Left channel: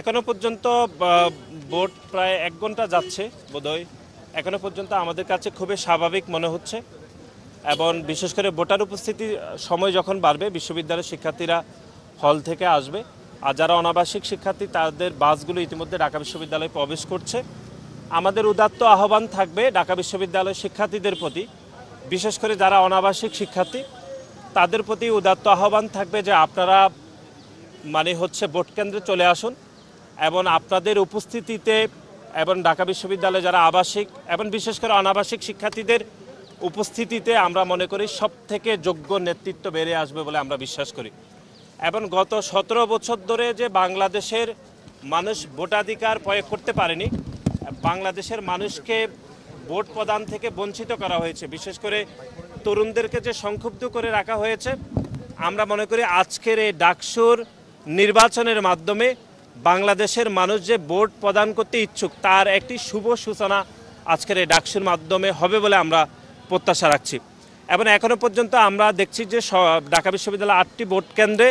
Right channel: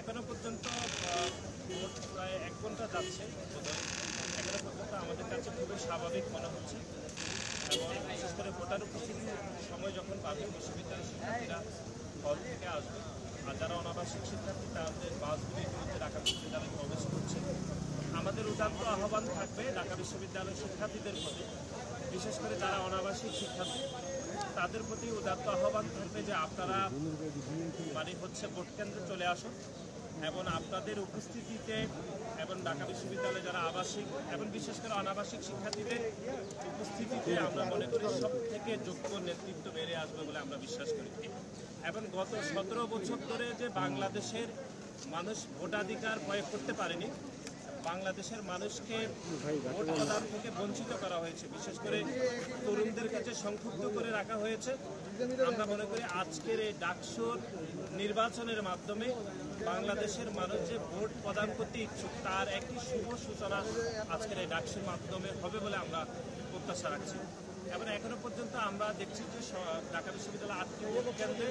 এখনো পর্যন্ত ভোট প্রায় 1 ঘন্টা যাচ্ছে বোধহয়। এখনো পর্যন্ত আমাদের কাছে খুবই স্বাভাবিক মনে হচ্ছে এবং বিশেষ করে ভোটার উপস্থিতি সময় যখন বাড়বে বিশ্ববিদ্যালয়ের শিক্ষার্থীরা হল থেকে আসবে। আর যারা অনাবাসিক শিক্ষার্থী তাদের বাসগুলো ইতিমধ্যে ঢাকা বিশ্ববিদ্যালয়ে প্রবেশ করছে। আমাদের উদাত্ত আহ্বান থাকবে ঢাকা বিশ্ববিদ্যালয়ের শিক্ষার্থীদের প্রতি, বিশেষ করে যারা অনাবাসিক শিক্ষার্থী তাদের প্রতি উদাত্ত আহ্বান থাকবে যে আপনারা ভোট কেন্দ্রে চলে আসুন এবং আপনাদের উপস্থিতিতে এবং ঢাকা বিশ্ববিদ্যালয়ে যারা আবাসিক এবং বিশেষ করে অনাবাসিক শিক্ষার্থীদের উপস্থিতিতে আমরা মনে করি সব থেকে যোগ্য নেতৃত্ব বেড়ে আসবে বলে আমরা বিশ্বাস করি। এবং গত 17 বছর ধরে যে বাংলাদেশের মানুষ ভোটাধিকার প্রয়োগ করতে পারেনি, বাংলাদেশের মানুষকে ভোট প্রদান থেকে বঞ্চিত করা হয়েছে, বিশেষ করে তরুণদেরকে যে সংক্ষুব্ধ করে রাখা হয়েছে, আমরা মনে করি আজকের এই ডাকসুর নির্বাচনের মাধ্যমে বাংলাদেশের মানুষ যে ভোট প্রদান করতে ইচ্ছুক তার একটি শুভ সূচনা আজকের এই ডাকসুর মাধ্যমে হবে বলে আমরা প্রত্যাশা রাখছি। এবং এখনো পর্যন্ত আমরা দেখছি যে ঢাকা বিশ্ববিদ্যালয়ের 8টি ভোট কেন্দ্রে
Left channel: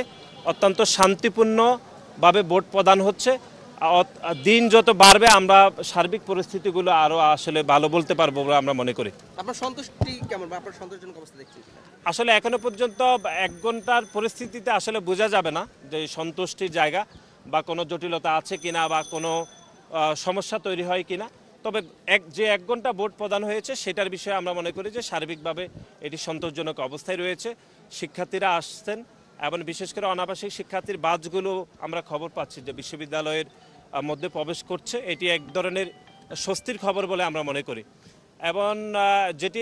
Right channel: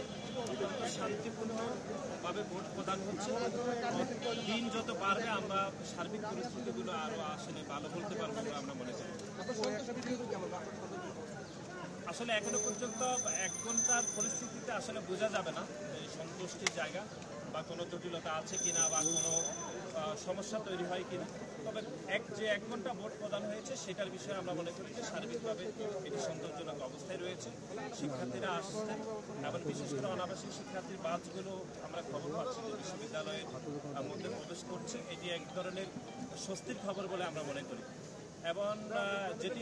অত্যন্ত শান্তিপূর্ণভাবে ভোট প্রদান হচ্ছে। দিন যত বাড়বে আমরা সার্বিক পরিস্থিতিগুলো আরও আসলে ভালো বলতে পারবো বলে আমরা মনে করি। আপনার সন্তুষ্টি কেমন, আপনার সন্তোষজনক অবস্থা দেখছেন? আসলে এখনো পর্যন্ত 1 ঘন্টার পরিস্থিতিতে আসলে বোঝা যাবে না যে সন্তুষ্টির জায়গা বা কোনো জটিলতা আছে কিনা বা কোনো সমস্যা তৈরি হয় কিনা। তবে যে 1 ঘন্টা ভোট প্রদান হয়েছে সেটার বিষয়ে আমরা মনে করি যে সার্বিকভাবে এটি সন্তোষজনক অবস্থায় রয়েছে। শিক্ষার্থীরা আসছেন এবং বিশেষ করে অনাবাসিক শিক্ষার্থীর বাসগুলো আমরা খবর পাচ্ছি যে বিশ্ববিদ্যালয়ের মধ্যে প্রবেশ করছে। এটি এক ধরনের স্বস্তির খবর বলে আমরা মনে করি। এবং যেটি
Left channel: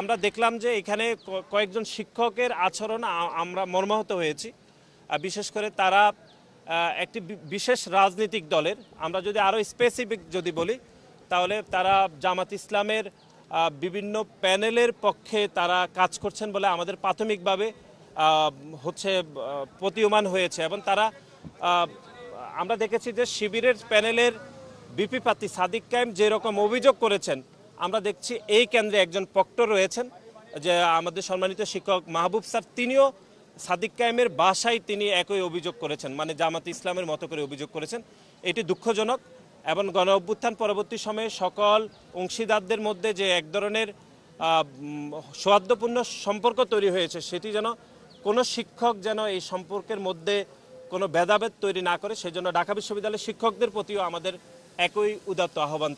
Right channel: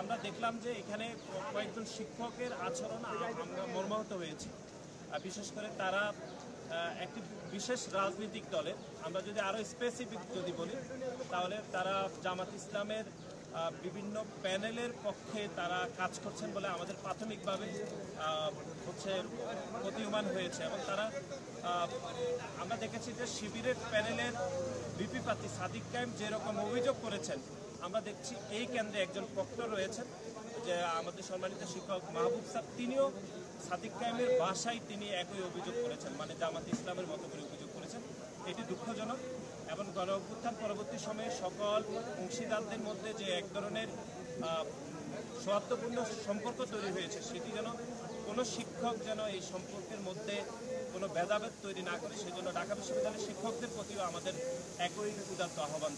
আমরা দেখলাম যে এখানে কয়েকজন শিক্ষকের আচরণ আমরা মর্মাহত হয়েছি। বিশেষ করে তারা একটি বিশেষ রাজনৈতিক দলের, আমরা যদি আরও স্পেসিফিক যদি বলি তাহলে তারা জামাত ইসলামের বিভিন্ন প্যানেলের পক্ষে তারা কাজ করছেন বলে আমাদের প্রাথমিকভাবে প্রতীয়মান হয়েছে। এবং তারা আমরা দেখেছি যে শিবিরের প্যানেলের ভিপি প্রার্থী সাদিক কায়েম যেরকম অভিযোগ করেছেন, আমরা দেখছি এই কেন্দ্রে একজন প্রক্টর রয়েছেন যে আমাদের সম্মানিত শিক্ষক মাহবুব স্যার, তিনিও সাদিক কায়েমের বাসায় তিনি একই অভিযোগ করেছেন, মানে জামাত ইসলামের মতো করে অভিযোগ করেছেন। এটি দুঃখজনক এবং গণ অভ্যুত্থান পরবর্তী সময়ে সকল অংশীদারদের মধ্যে যে এক ধরনের সৌহার্দ্যপূর্ণ সম্পর্ক তৈরি হয়েছে সেটি যেন কোনো শিক্ষক যেন এই সম্পর্কের মধ্যে কোনো ভেদাভেদ তৈরি না করে, সেজন্য ঢাকা বিশ্ববিদ্যালয়ের শিক্ষকদের প্রতিও আমাদের একই উদাত্ত আহ্বান।